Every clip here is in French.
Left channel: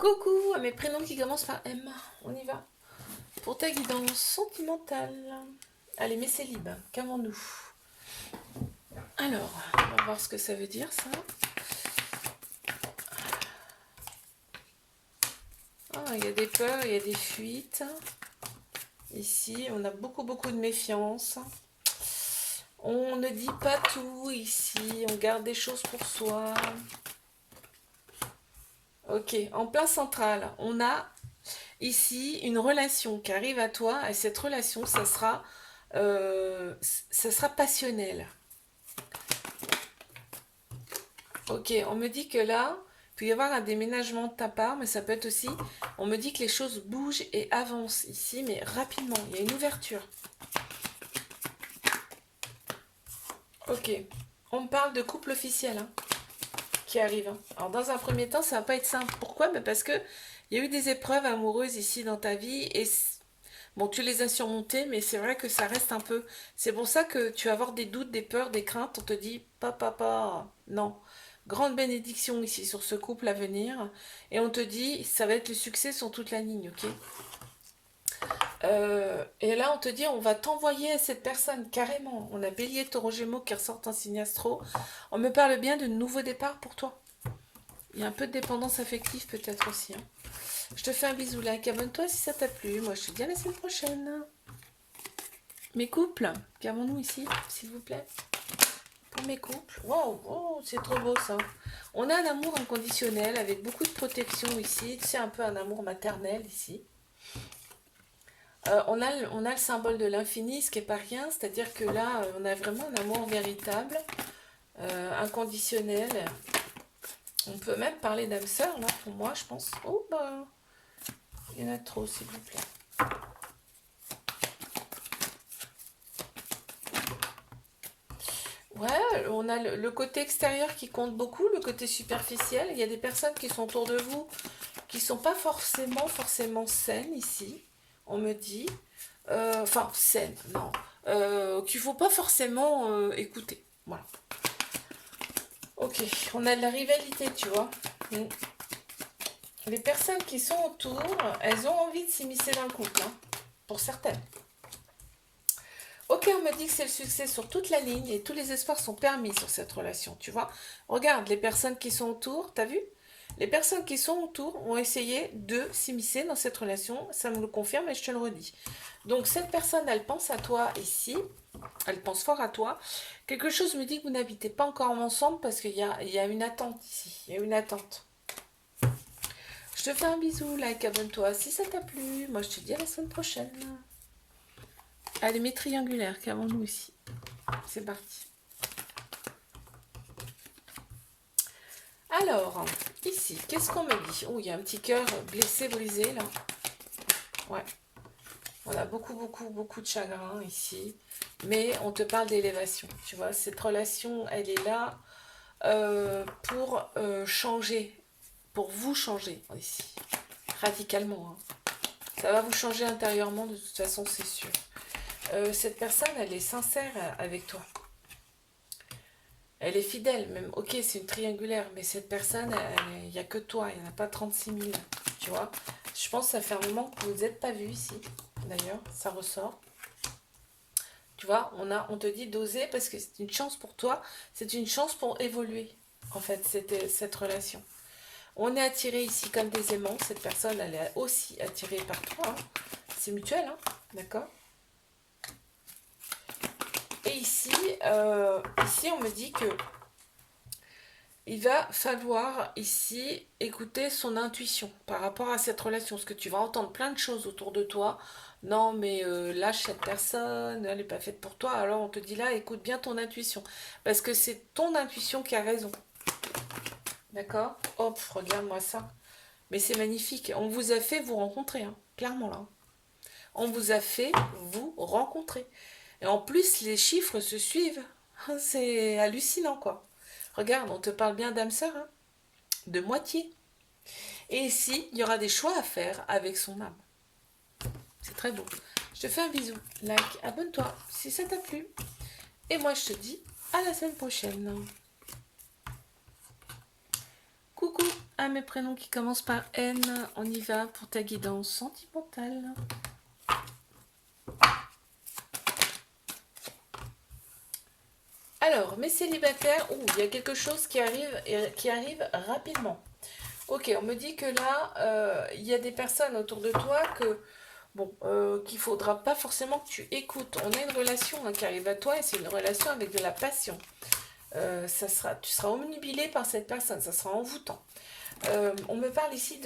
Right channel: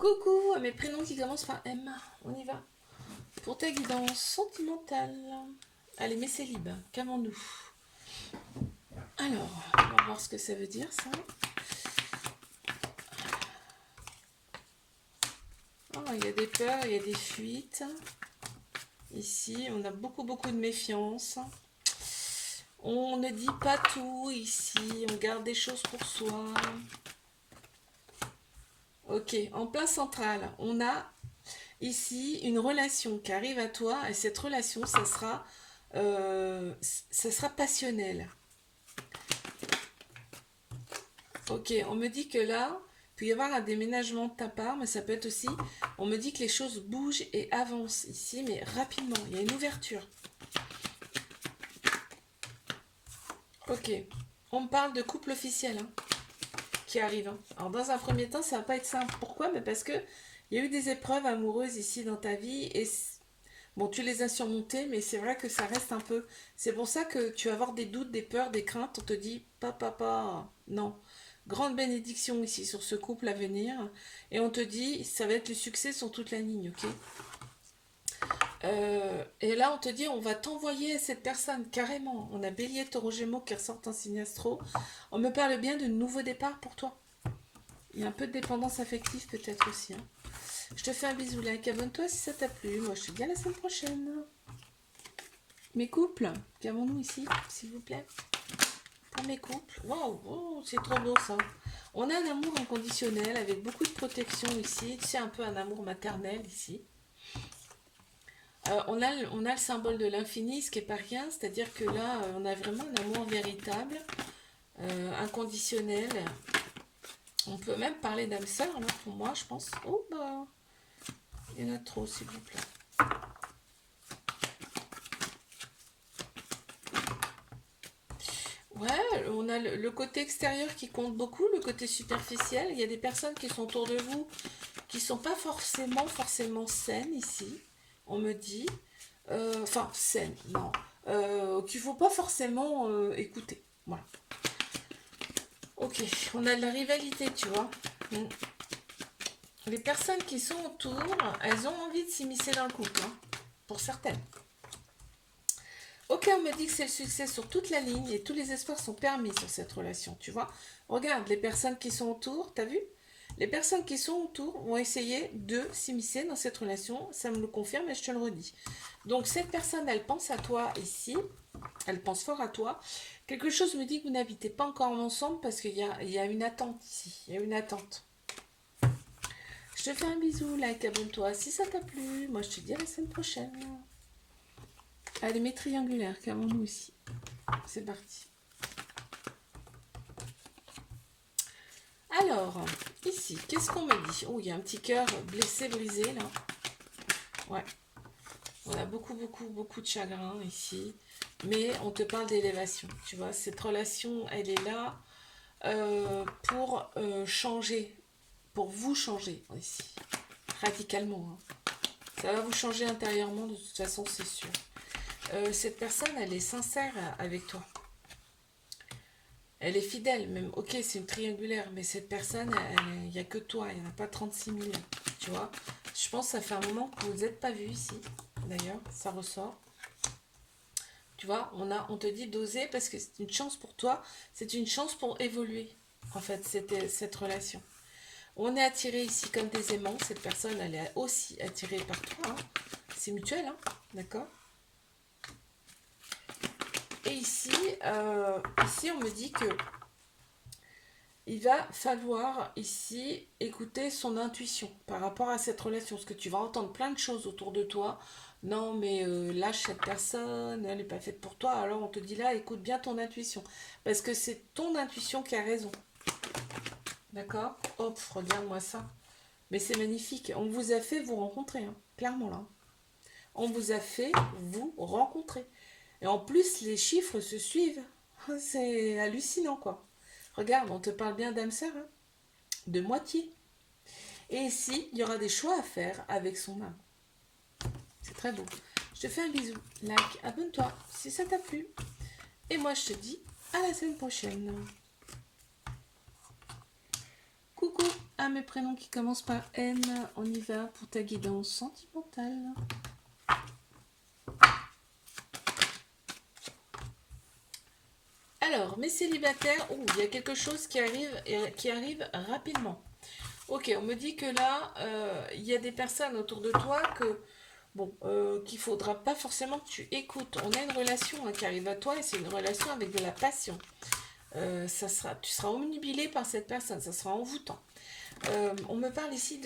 Coucou à mes prénoms qui commencent par M. On y va. Pour ta guidance sentimentale. Allez, mais c'est libre. Qu'avons-nous? Alors, on va voir ce que ça veut dire, ça. Ah, il y a des peurs, il y a des fuites. Ici, on a beaucoup de méfiance. On ne dit pas tout ici. On garde des choses pour soi. Ok, en plein central, on a ici une relation qui arrive à toi et cette relation, ça sera passionnel. Ok, on me dit que là, il peut y avoir un déménagement de ta part, mais ça peut être aussi, on me dit que les choses bougent et avancent ici, mais rapidement, il y a une ouverture. Ok, on me parle de couple officiel hein, qui arrive. Hein. Alors dans un premier temps, ça va pas être simple. Pourquoi? Parce que il y a eu des épreuves amoureuses ici dans ta vie et bon, tu les as surmontées, mais c'est vrai que ça reste un peu. C'est pour ça que tu vas avoir des doutes, des peurs, des craintes. On te dit, papa, non. Grande bénédiction ici sur ce couple à venir. Et on te dit, ça va être le succès sur toute la ligne, ok? Et là, on te dit, on va t'envoyer à cette personne, carrément. On a Bélier, Taureau, Gémeaux qui ressortent en signe astro. On me parle bien de nouveaux départs pour toi. Il y a un peu de dépendance affective peut-être aussi. Hein. Je te fais un bisou, like, abonne-toi si ça t'a plu. Moi, je te dis à la semaine prochaine. Mes couples, qu'avons-nous ici, s'il vous plaît? Pour mes couples. Wow, oh, c'est trop beau ça. On a un amour inconditionnel avec beaucoup de protection ici. C'est un peu un amour maternel ici. On a le symbole de l'infini, ce qui n'est pas rien. C'est-à-dire que là, on a vraiment un amour véritable, inconditionnel. On peut même parler d'âme sœur, là, pour moi, je pense. Oh, bah, il y en a trop, s'il vous plaît. Ouais, on a le côté extérieur qui compte beaucoup, le côté superficiel. Il y a des personnes qui sont autour de vous qui sont pas forcément saines ici, on me dit. Enfin, saines, non. Qu'il faut pas forcément écouter. Voilà. Ok, on a de la rivalité, tu vois. Mm. Les personnes qui sont autour, elles ont envie de s'immiscer dans le couple, hein, pour certaines. Ok, on me dit que c'est le succès sur toute la ligne et tous les espoirs sont permis sur cette relation, tu vois. Regarde, les personnes qui sont autour, t'as vu? Les personnes qui sont autour vont essayer de s'immiscer dans cette relation, ça me le confirme et je te le redis. Donc cette personne, elle pense à toi ici, elle pense fort à toi. Quelque chose me dit que vous n'habitez pas encore ensemble parce qu'il y a une attente ici, il y a une attente. Je te fais un bisou, like, abonne-toi si ça t'a plu. Moi je te dis à la semaine prochaine. Allez, mes triangulaires, qu'avons-nous ici? C'est parti. Alors, ici, qu'est-ce qu'on me dit? Oh, il y a un petit cœur blessé, brisé, là. Ouais. On a beaucoup de chagrin ici. Mais on te parle d'élévation. Tu vois, cette relation, elle est là pour changer. Pour vous changer, ici. Radicalement. Hein. Ça va vous changer intérieurement, de toute façon, c'est sûr. Cette personne, elle est sincère avec toi. Elle est fidèle, même. Ok, c'est une triangulaire, mais cette personne, il n'y a que toi, il n'y en a pas 36 000. Tu vois? Je pense que ça fait un moment que vous n'êtes pas vus ici. D'ailleurs, ça ressort. Tu vois, on te dit d'oser parce que c'est une chance pour toi, c'est une chance pour évoluer, en fait, cette relation. On est attiré ici comme des aimants. Cette personne, elle est aussi attirée par toi. Hein. C'est mutuel, hein, d'accord? Et ici, ici, on me dit que il va falloir ici écouter son intuition par rapport à cette relation. Parce que tu vas entendre plein de choses autour de toi. Non, mais lâche cette personne, elle n'est pas faite pour toi. Alors on te dit là, écoute bien ton intuition. Parce que c'est ton intuition qui a raison. D'accord? Hop, regarde-moi ça. Mais c'est magnifique. On vous a fait vous rencontrer, hein, clairement là. On vous a fait vous rencontrer. Et en plus, les chiffres se suivent. C'est hallucinant, quoi. Regarde, on te parle bien d'âme sœur, hein, de moitié. Et ici, il y aura des choix à faire avec son âme. C'est très beau. Je te fais un bisou. Like, abonne-toi si ça t'a plu. Et moi, je te dis à la semaine prochaine. Coucou. à mes prénoms qui commencent par N. On y va pour ta guidance sentimentale. Alors, mes célibataires, il y a quelque chose qui arrive rapidement. Ok, on me dit que là, il y a des personnes autour de toi qu'il faudra pas forcément que tu écoutes. On a une relation qui arrive à toi et c'est une relation avec de la passion. Tu seras omnubilé par cette personne, ça sera envoûtant. On me parle ici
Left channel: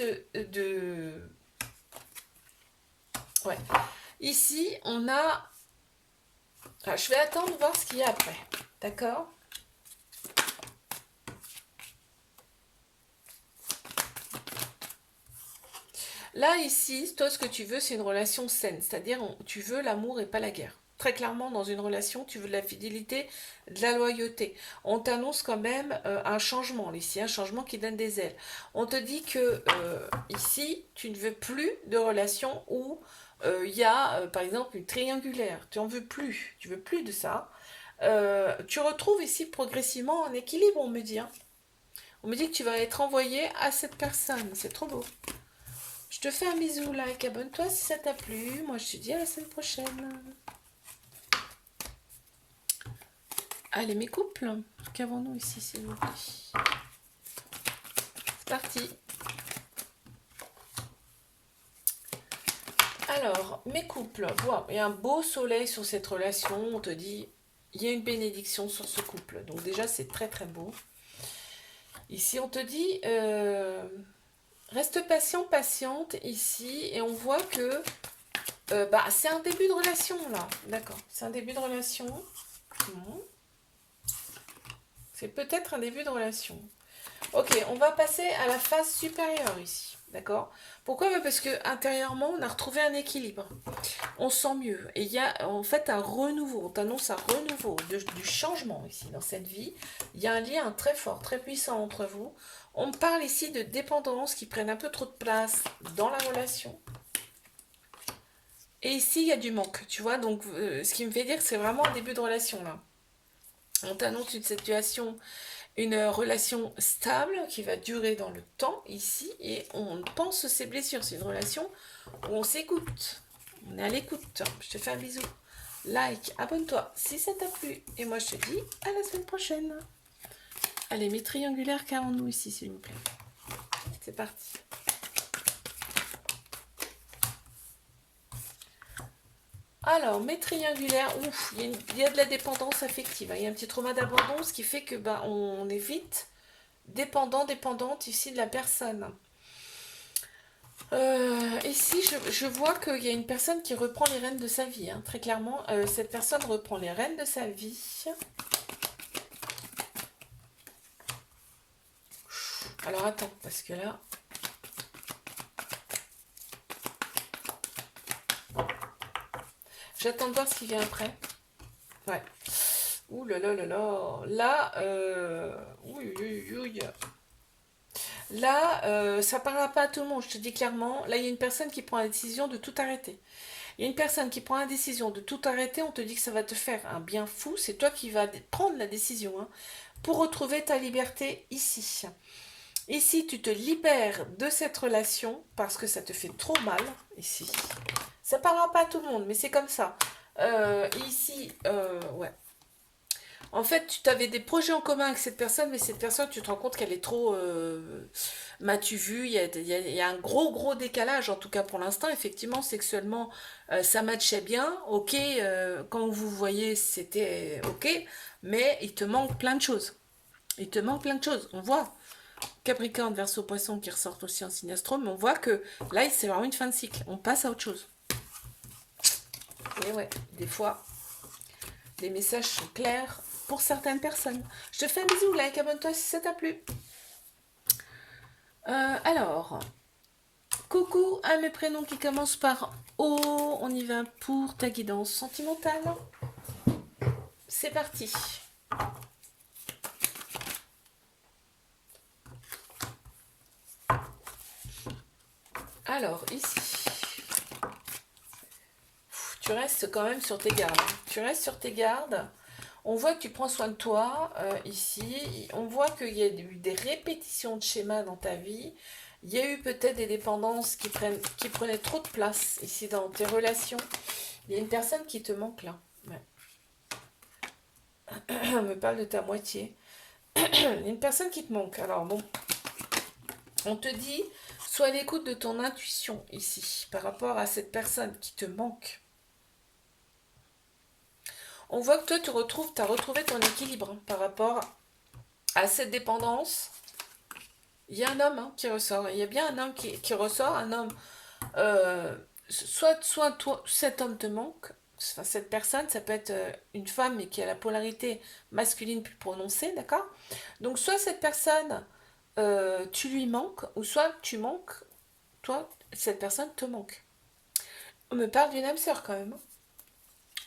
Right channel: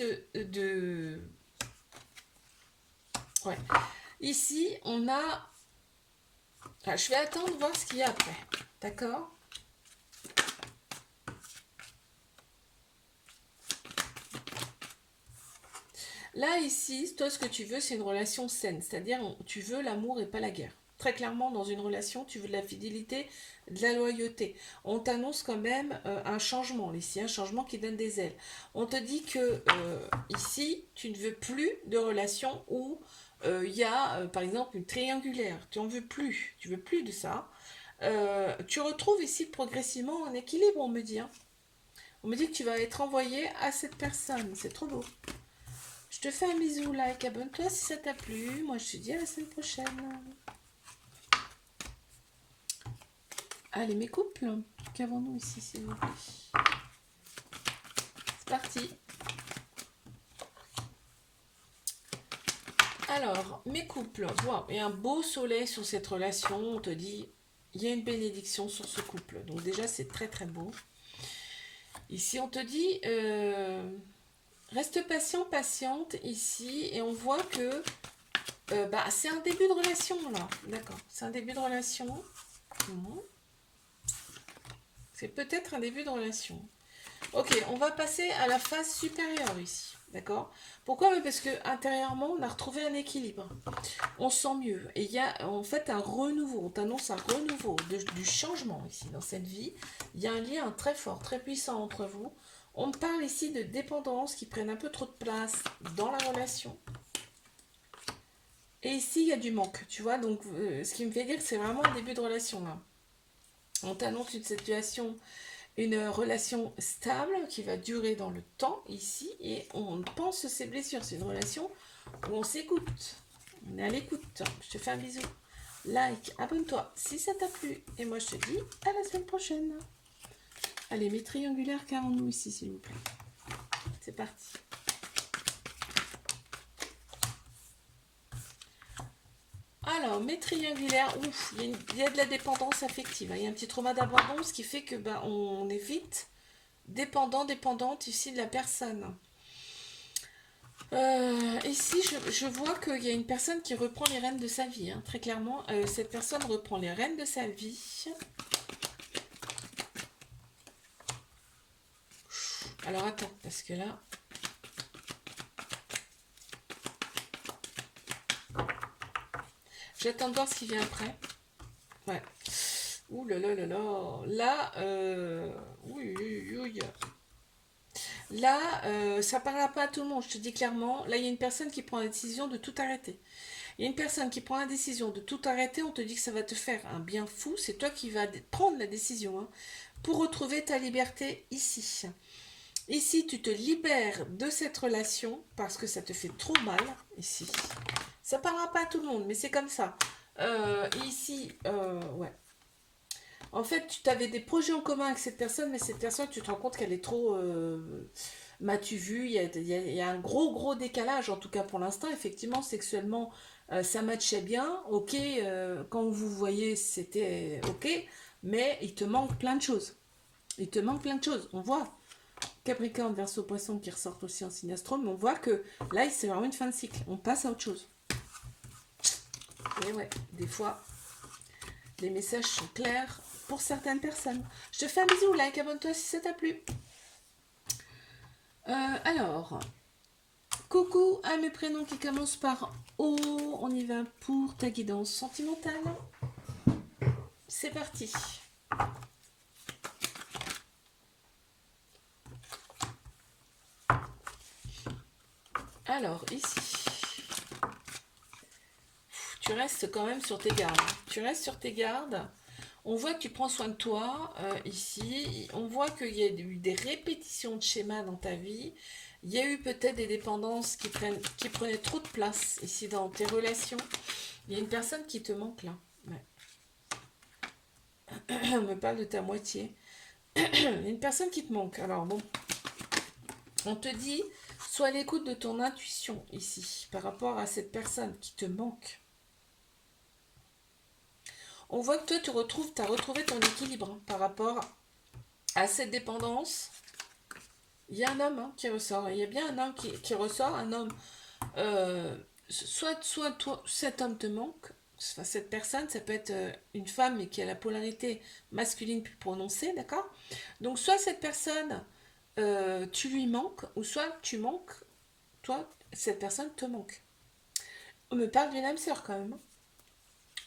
Ouais. Ici, on a... Ah, je vais attendre voir ce qu'il y a après. D'accord? Là, ici, toi, ce que tu veux, c'est une relation saine. C'est-à-dire, tu veux l'amour et pas la guerre. Très clairement, dans une relation, tu veux de la fidélité, de la loyauté. On t'annonce quand même un changement, ici, un changement qui donne des ailes. On te dit que, ici, tu ne veux plus de relation où il y a, par exemple, une triangulaire. Tu en veux plus. Tu veux plus de ça. Tu retrouves ici progressivement un équilibre, on me dit. Hein. On me dit que tu vas être envoyé à cette personne. C'est trop beau. Je te fais un bisou, like, abonne-toi si ça t'a plu. Moi, je te dis à la semaine prochaine. Allez, mes couples, qu'avons-nous ici, s'il vous plaît? C'est parti. Alors, mes couples, wow, il y a un beau soleil sur cette relation. On te dit, il y a une bénédiction sur ce couple. Donc déjà, c'est très, très beau. Ici, on te dit... reste patient, patiente ici, et on voit que c'est un début de relation là, d'accord, c'est un début de relation, c'est peut-être un début de relation. Ok, on va passer à la phase supérieure ici, d'accord. Pourquoi? Parce que intérieurement, on a retrouvé un équilibre, on se sent mieux, et il y a en fait un renouveau, on t'annonce un renouveau, du changement ici dans cette vie, il y a un lien très fort, très puissant entre vous. On parle ici de dépendance qui prennent un peu trop de place dans la relation. Et ici, il y a du manque, tu vois. Donc, ce qui me fait dire que c'est vraiment un début de relation, là. On t'annonce une situation, une relation stable qui va durer dans le temps, ici. Et on pense ses blessures. C'est une relation où on s'écoute. On est à l'écoute. Je te fais un bisou. Like, abonne-toi si ça t'a plu. Et moi, je te dis à la semaine prochaine. Allez, mes triangulaires, qu'avons-nous ici, s'il vous plaît? C'est parti. Alors, mes triangulaires, il y a de la dépendance affective. Il y a un petit trauma d'abandon, ce qui fait que on est vite dépendante ici de la personne. Ici, je vois qu'il y a une personne qui reprend les rênes de sa vie. Hein. Très clairement, cette personne reprend les rênes de sa vie. Alors attends, parce que là... J'attends de voir ce qui vient après. Ouais. Ouh là là là là. Là, Là, ça parlera pas à tout le monde, je te dis clairement. Là, il y a une personne qui prend la décision de tout arrêter. Il y a une personne qui prend la décision de tout arrêter, on te dit que ça va te faire un bien fou. C'est toi qui vas prendre la décision hein, pour retrouver ta liberté ici. Ici, tu te libères de cette relation parce que ça te fait trop mal, ici. Ça parlera pas à tout le monde, mais c'est comme ça. Ici, ouais. En fait, tu avais des projets en commun avec cette personne, mais cette personne, tu te rends compte qu'elle est trop... M'as-tu vu, il y a un gros décalage, en tout cas pour l'instant. Effectivement, sexuellement, ça matchait bien. Ok, quand vous voyez, c'était ok. Mais il te manque plein de choses. Il te manque plein de choses. On voit Capricorne, Verseau, Poisson qui ressortent aussi en signe astro, mais on voit que là, c'est vraiment une fin de cycle. On passe à autre chose. Et ouais, des fois, les messages sont clairs pour certaines personnes. Je te fais un bisou, like, abonne-toi si ça t'a plu. Alors, coucou à mes prénoms qui commencent par O. On y va pour ta guidance sentimentale. C'est parti. Alors, ici, tu restes quand même sur tes gardes. Tu restes sur tes gardes. On voit que tu prends soin de toi ici. On voit qu'il y a eu des répétitions de schémas dans ta vie. Il y a eu peut-être des dépendances qui prenaient trop de place ici dans tes relations. Il y a une personne qui te manque là. Ouais. On me parle de ta moitié. Il y a une personne qui te manque. Alors bon, on te dit, sois à l'écoute de ton intuition ici par rapport à cette personne qui te manque. On voit que toi, tu as retrouvé ton équilibre hein, par rapport à cette dépendance. Il y a un homme hein, qui ressort. Il y a bien un homme qui ressort, un homme. Soit toi, cet homme te manque, enfin, cette personne, ça peut être une femme mais qui a la polarité masculine plus prononcée, d'accord? Donc soit cette personne, tu lui manques, ou soit tu manques, toi, cette personne te manque. On me parle d'une âme sœur quand même.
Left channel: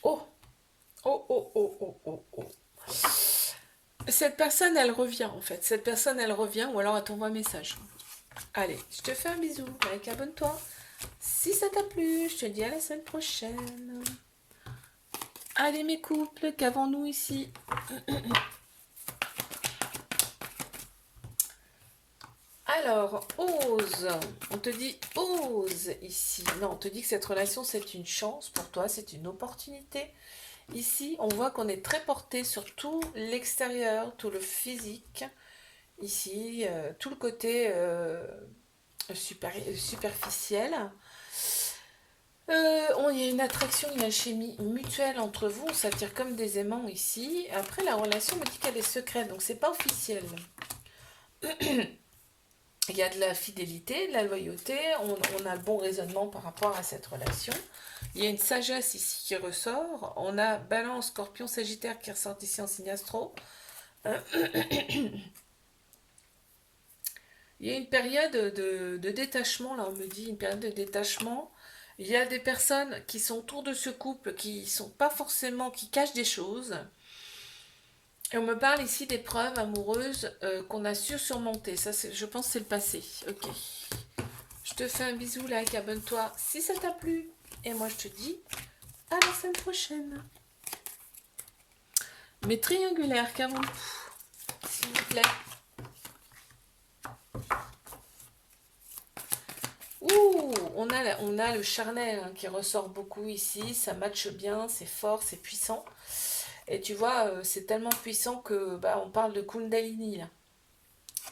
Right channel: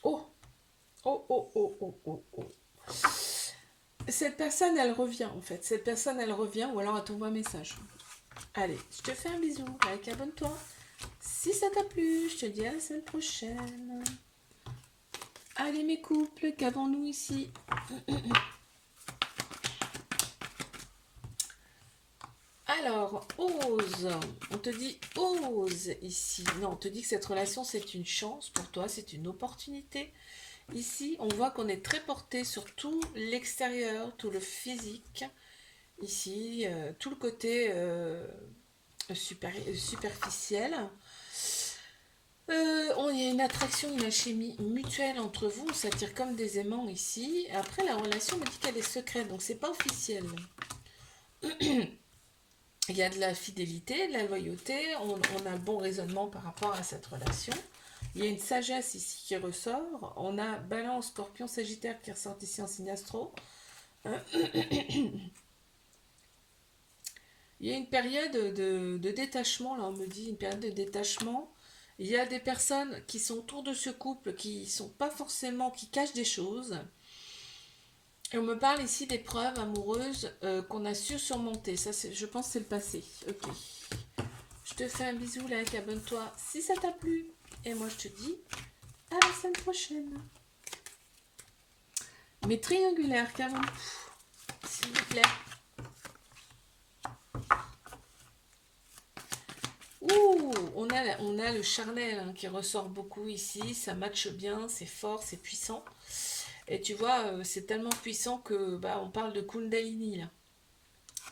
Oh, oh, oh, oh, oh, oh, oh. Cette personne, elle revient en fait. Cette personne, elle revient ou alors elle t'envoie un message. Allez, je te fais un bisou. Like, abonne-toi. Si ça t'a plu, je te dis à la semaine prochaine. Allez mes couples, qu'avons-nous ici? Alors, ose. On te dit ose ici. Non, on te dit que cette relation, c'est une chance pour toi, c'est une opportunité. Ici, on voit qu'on est très porté sur tout l'extérieur, tout le physique. Ici, tout le côté superficiel. Il y a une attraction, une alchimie mutuelle entre vous, on s'attire comme des aimants ici. Après, la relation me dit qu'elle est secrète, donc c'est pas officiel. Il y a de la fidélité, de la loyauté, on a le bon raisonnement par rapport à cette relation. Il y a une sagesse ici qui ressort. On a Balance, Scorpion, Sagittaire qui ressort ici en signe astro. Il y a une période de détachement, là on me dit, une période de détachement. Il y a des personnes qui sont autour de ce couple qui sont pas forcément, qui cachent des choses. Et on me parle ici d'épreuves amoureuses qu'on a su surmonter. Ça, je pense que c'est le passé. Ok. Je te fais un bisou, like, abonne-toi si ça t'a plu. Et moi, je te dis à la semaine prochaine. Mes triangulaires, qu'avons-nous, s'il vous plaît? Ouh, on a le charnel hein, qui ressort beaucoup ici. Ça matche bien, c'est fort, c'est puissant. Et tu vois, c'est tellement puissant que bah, on parle de Kundalini là.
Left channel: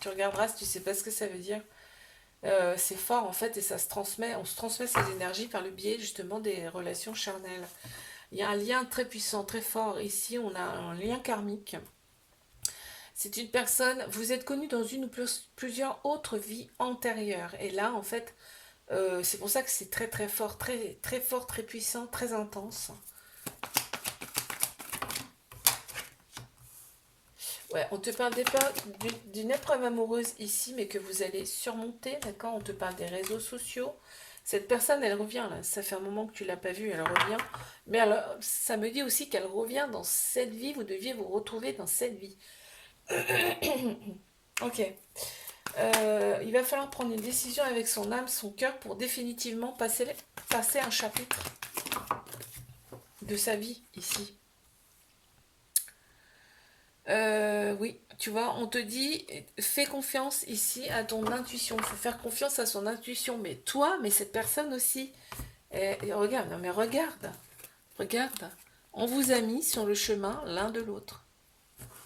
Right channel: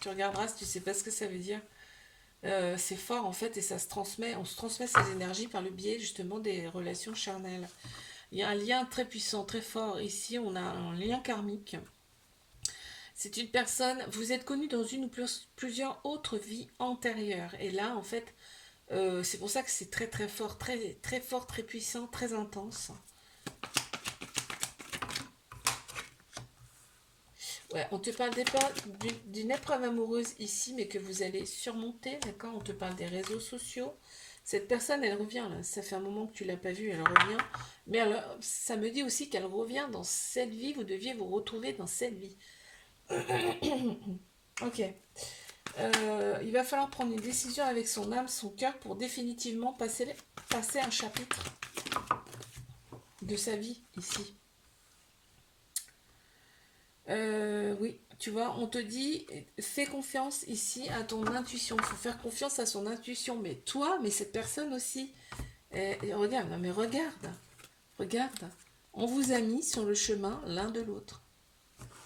Tu regarderas si tu sais pas ce que ça veut dire. C'est fort en fait et ça se transmet, on se transmet ces énergies par le biais justement des relations charnelles. Il y a un lien très puissant, très fort. Ici, on a un lien karmique. C'est une personne, vous êtes connu dans une ou plusieurs autres vies antérieures. Et là, en fait, c'est pour ça que c'est très très fort, très fort, très puissant, très intense. Ouais, on te parle d'une épreuve amoureuse ici, mais que vous allez surmonter, d'accord? On te parle des réseaux sociaux. Cette personne, elle revient là. Ça fait un moment que tu l'as pas vue, elle revient. Mais alors, ça me dit aussi qu'elle revient dans cette vie. Vous deviez vous retrouver dans cette vie. Ok. Il va falloir prendre une décision avec son âme, son cœur, pour définitivement passer un chapitre de sa vie ici. Oui, tu vois, on te dit, fais confiance ici à ton intuition. Il faut faire confiance à son intuition. Mais toi, mais cette personne aussi. Et regarde, non mais regarde. Regarde. On vous a mis sur le chemin l'un de l'autre.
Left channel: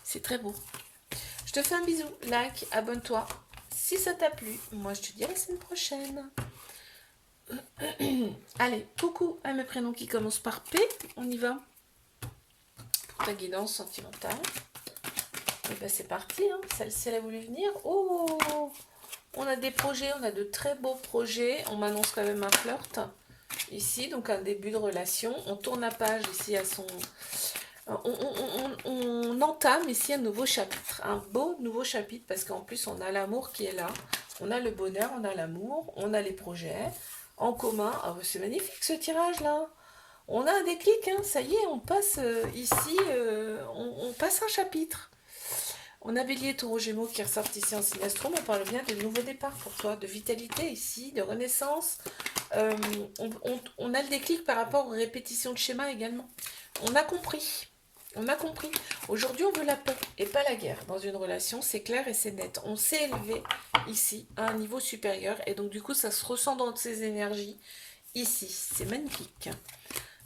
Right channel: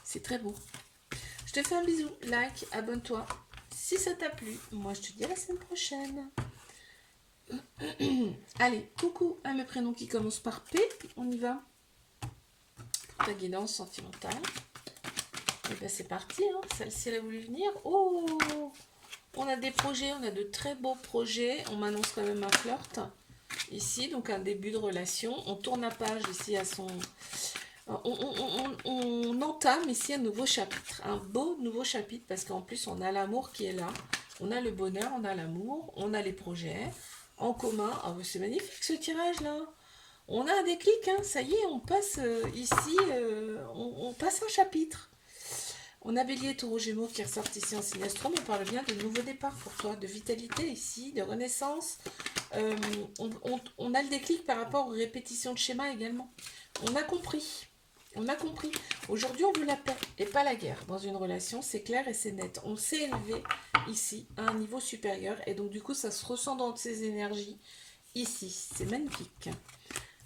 C'est très beau. Je te fais un bisou. Like, abonne-toi. Si ça t'a plu, moi je te dis à la semaine prochaine. Allez, coucou à mes prénoms qui commencent par P. On y va. Pour ta guidance sentimentale. Et ben c'est parti, hein. Celle-ci elle a voulu venir. Oh, on a des projets, on a de très beaux projets. On m'annonce quand même un flirt ici, donc un début de relation. On tourne la page ici à son... On entame ici un nouveau chapitre, un beau nouveau chapitre, parce qu'en plus on a l'amour qui est là. On a le bonheur, on a l'amour, on a les projets en commun. Oh, c'est magnifique ce tirage là. On a un déclic, hein. Ça y est, on passe ici, on passe un chapitre. On a Bélier, Taureau, Gémeaux qui ressortent ici en signe astro. On parle bien de nouveau départ pour toi, de vitalité ici, de renaissance. On a le déclic par rapport aux répétitions de schémas également. On a compris. On a compris. Aujourd'hui, on veut la paix et pas la guerre. Dans une relation, c'est clair et c'est net. On s'est élevé ici à un niveau supérieur et donc du coup, ça se ressent dans ces énergies ici. C'est magnifique.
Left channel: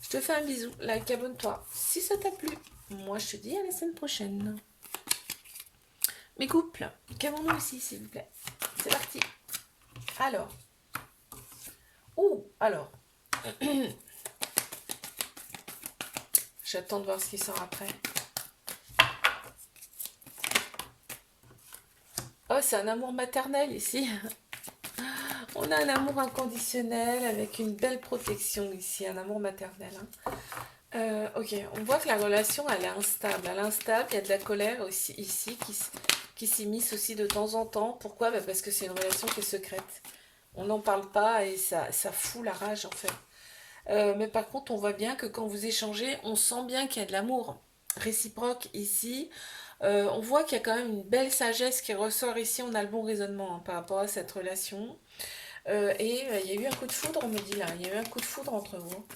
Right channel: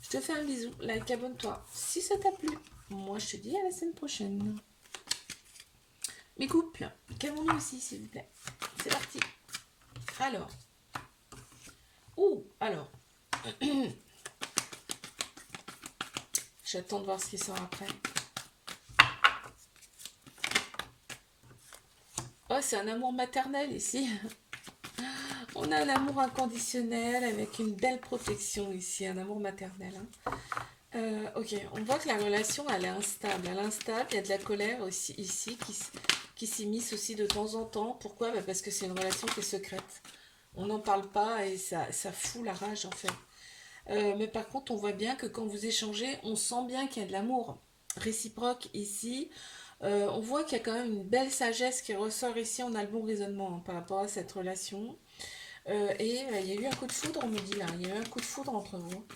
Je te fais un bisou. Like, abonne-toi si ça t'a plu. Moi, je te dis à la semaine prochaine. Mes couples, qu'avons-nous aussi, s'il vous plaît? C'est parti. Alors. Alors. J'attends de voir ce qui sort après. Oh, c'est un amour maternel ici. On a un amour inconditionnel avec une belle protection ici, un amour maternel. Ok, on voit que la relation, elle est instable. Elle est instable, il y a de la colère aussi ici qui s'immisce aussi de temps en temps. Pourquoi? Parce que c'est une relation qui est secrète. On n'en parle pas et ça fout la rage en fait. Mais par contre, on voit bien que quand vous échangez, on sent bien qu'il y a de l'amour réciproque ici. On voit qu'il y a quand même une belle sagesse qui ressort ici. On a le bon raisonnement par rapport à cette relation. Il y a eu un coup de foudre, on me dit là. Il y a eu un coup de foudre entre vous.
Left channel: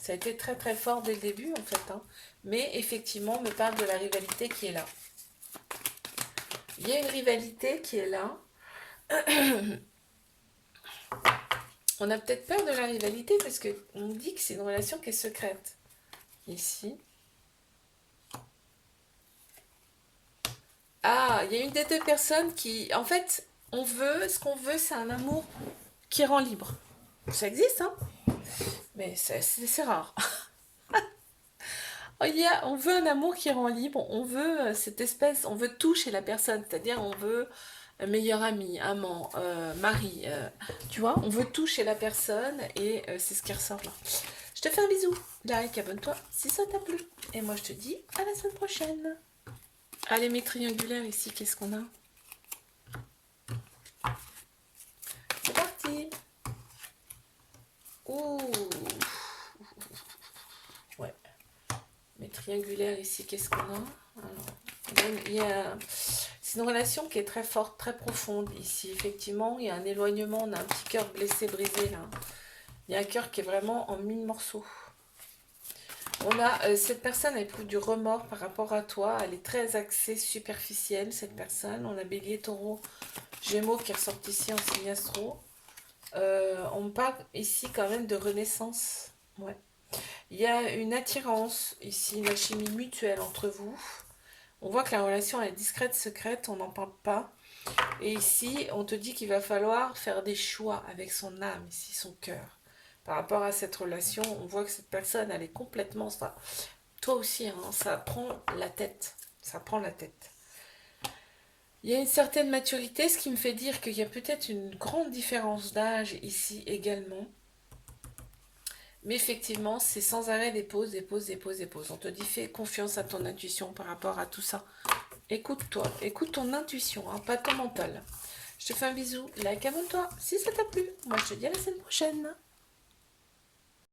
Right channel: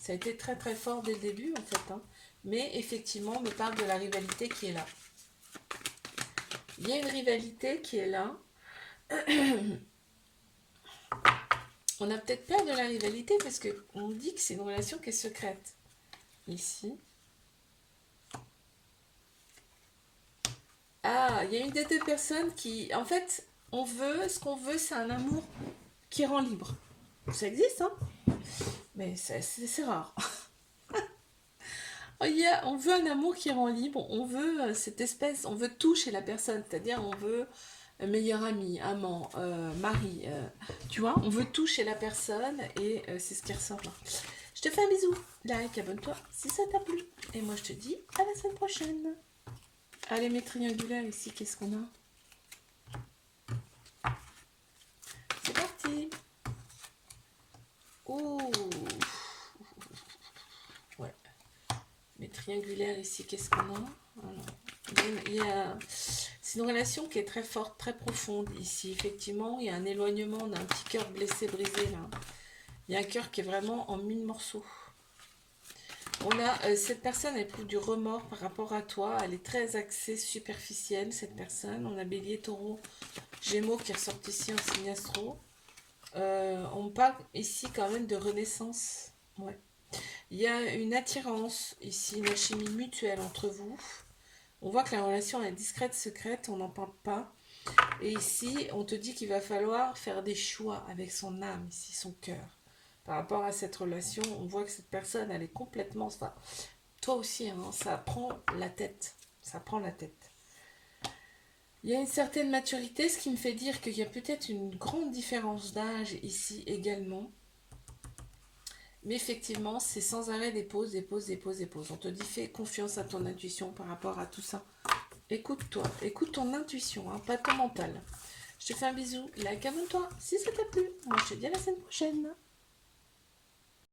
Ça a été très très fort dès le début en fait. Mais effectivement, on me parle de la rivalité qui est là. Il y a une rivalité qui est là. On a peut-être peur de la rivalité parce qu'on dit que c'est une relation qui est secrète. Ici. Ah, il y a une des deux personnes qui... En fait, ce qu'on veut, c'est un amour qui rend libre. Ça existe, hein? Mais c'est rare. On veut un amour qui rend libre. On veut cette espèce... On veut tout chez la personne. C'est-à-dire, on veut un meilleur ami, amant, mari. Tu vois, on veut tout chez la personne et c'est ce qui ressort là. Je te fais un bisou. Like, abonne-toi si ça t'a plu. Et moi, je te dis à la semaine prochaine. Allez, mes triangulaires ici, qu'est-ce qu'on a? C'est parti. Ouh. Ouais. Mes triangulaires ici, qu'est-ce qu'on a? Alors, c'est une relation qui est très forte, très profonde ici. Effectivement, il y a un éloignement, on a un petit cœur blessé, brisé là. Il y a un cœur qui est vraiment en 1000 morceaux. On a cette personne, elle éprouve du remords par rapport à toi. Elle est très axée superficielle, cette personne. On a Bélier, Taureau, Gémeaux qui ressortent ici en signe astro. On parle ici quand même de renaissance. Ouais. Il y a une attirance ici, une alchimie mutuelle entre vous. On voit que la relation elle est discrète, secrète, on n'en parle pas. Et ici, on te dit qu'il va falloir faire des choix avec son âme, ici, son cœur. Par rapport à cette relation, on voit que cette personne, elle est complètement... Ça, toi aussi, hein, ça prend la tête. Ça prend la tête. Il y a une certaine maturité, ce qui me fait dire qu'il y a peut-être une grande différence d'âge ici également. Mais effectivement, c'est sans arrêt des pauses, des pauses, des pauses, des pauses. On te dit, fais confiance à ton intuition par rapport à tout ça. Écoute-toi, écoute ton intuition, hein, pas ton mental. Je te fais un bisou, like, abonne-toi si ça t'a plu. Moi, je te dis à la semaine prochaine.